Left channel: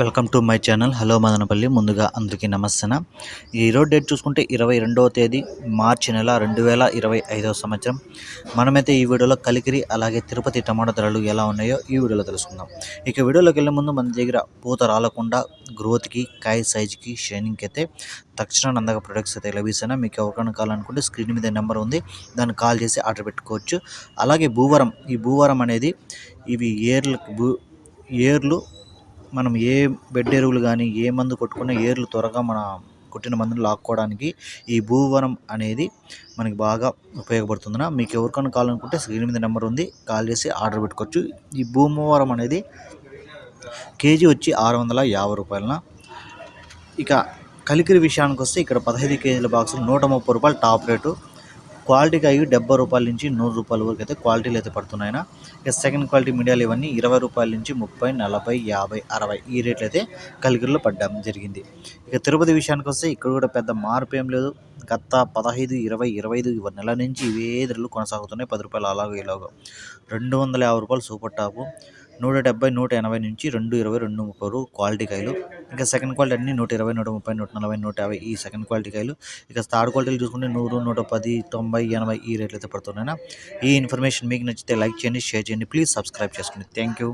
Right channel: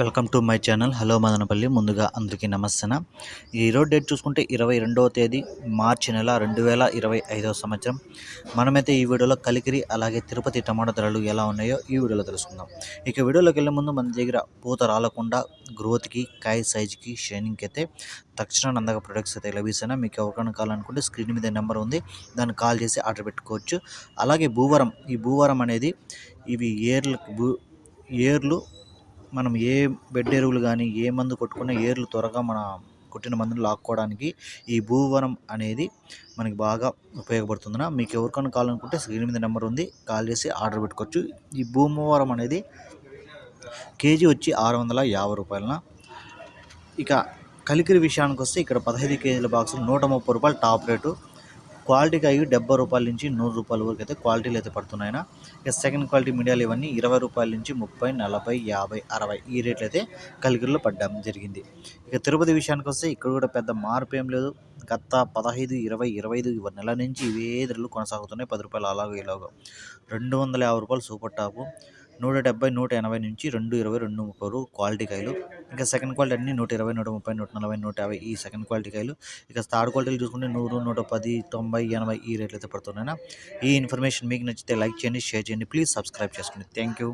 Welcome to my channel. Hello Madanapalle. ముందుగా అందరికీ నమస్తే ఈ రోజు డేట్ చూసుకుంటే ఇరవై రెండవ తేదీ మార్చి నెల రెండు వేల ఇరవై ఐదవ సంవత్సరం. మనమైతే ఈ వీడియోలో కలికిరి అలాగే తిరుపతి టమాటా ధరలు ఎలా ఉన్నాయో ఈ వీడియోలో తెలుసుకుందాం. ఇక వీడియోలోకి వెళ్ళే ముందు మన దగ్గర పూత రాలకుండా గ్రోత్కి కాయ సైజ్కి షైనింగ్కి అయితే తక్షణ అందక ప్రొడక్ట్స్ అయితే లభిస్తాయి మీకు ఎవరికైనా కావాలనుకుంటే స్క్రీన్ మీద నెంబర్ ఉంది. దాన్ని కాల్ చేసి ఆర్డర్ పెట్టుకోవచ్చు. అలాగే భూవరం ఈ భూవరం అనేది ఇవి ఏర్లు భూ ఏర్లు మనం ఏ బెడ్ ఎరువులు కానీ ఏ మందు కొట్టుకున్నా ఏర్లు త్వరగా మన కొట్టిన మందుని లాక్కోవడానికి ఈ భూవనం అనేది మనకి బాగా ఉపయోగపడుతుందిన మీకు ఎవరికైనా కావాలనుకుంటే స్క్రీన్ మీద నెంబర్ ఉంది. కాల్ చేసి ఆర్డర్ పెట్టుకోవచ్చు. ఈ భూమవరం అనేది కేజీ వచ్చి ఆరు వందల యాభై రూపాయలన ఇక కలికిరి విషయానికి వస్తే ఇక్కడ పదహైదు కేజీల బాక్సులు నూట ముప్పై రూపాయలు టాప్ రేటు. క్వాలిటీకి అవి డెబ్బై రూపాయల నుంచి నూరు రూపాయల వరకు అయితే క్వాలిటీలు అయితే పడుతున్నాయి ఇక సెకండ్ క్వాలిటీ మీడియాలు ఇవన్నీ ఇరవై రూపాయల నుంచి ముప్పై నలభై యాభై అరవై ఈ రేట్లు అయితే కలిగిరిలో పడ్డం జరిగింది. ఇక తిరుపతి విషయానికి వస్తే ఇక్కడ కూడా పెద్ద మార్పు ఏం లేదు. గత పదహైదు ఇరవై ఇరవై ఐదు నెల నుంచి ఇవే ధరలు కొనసాగుతున్నాయి. పది రూపాయలు అలాగో ఇలాగో. రెండు వందల యాభై రూపాయలు సూపర్ టాపు. నూట డెబ్బై నూట ఎనభై నుంచి రెండు ఇరవై రెండు ముప్పై క్వాలిటీ కాయలు. ఇంకా సెకండ్ క్వాలిటీ అన్ని నూట ఇరవై నూట ముప్పై నూట నలభై నూట యాభై ఈ సెకండ్ క్వాలిటీ కాయలు. ఇక థర్డ్ క్వాలిటీలు చూసుకుంటే నూరు నూట పది తొంభై ఎనభై ఈ రేట్లు అయితే పడుతున్నాయి ఈ ఇన్ఫర్మేషన్ మీకు నచ్చితే లైక్ చేయండి షేర్ చేయండి ప్లీజ్ సబ్స్క్రైబ్ చేసుకోండి థ్యాంక్ యూ.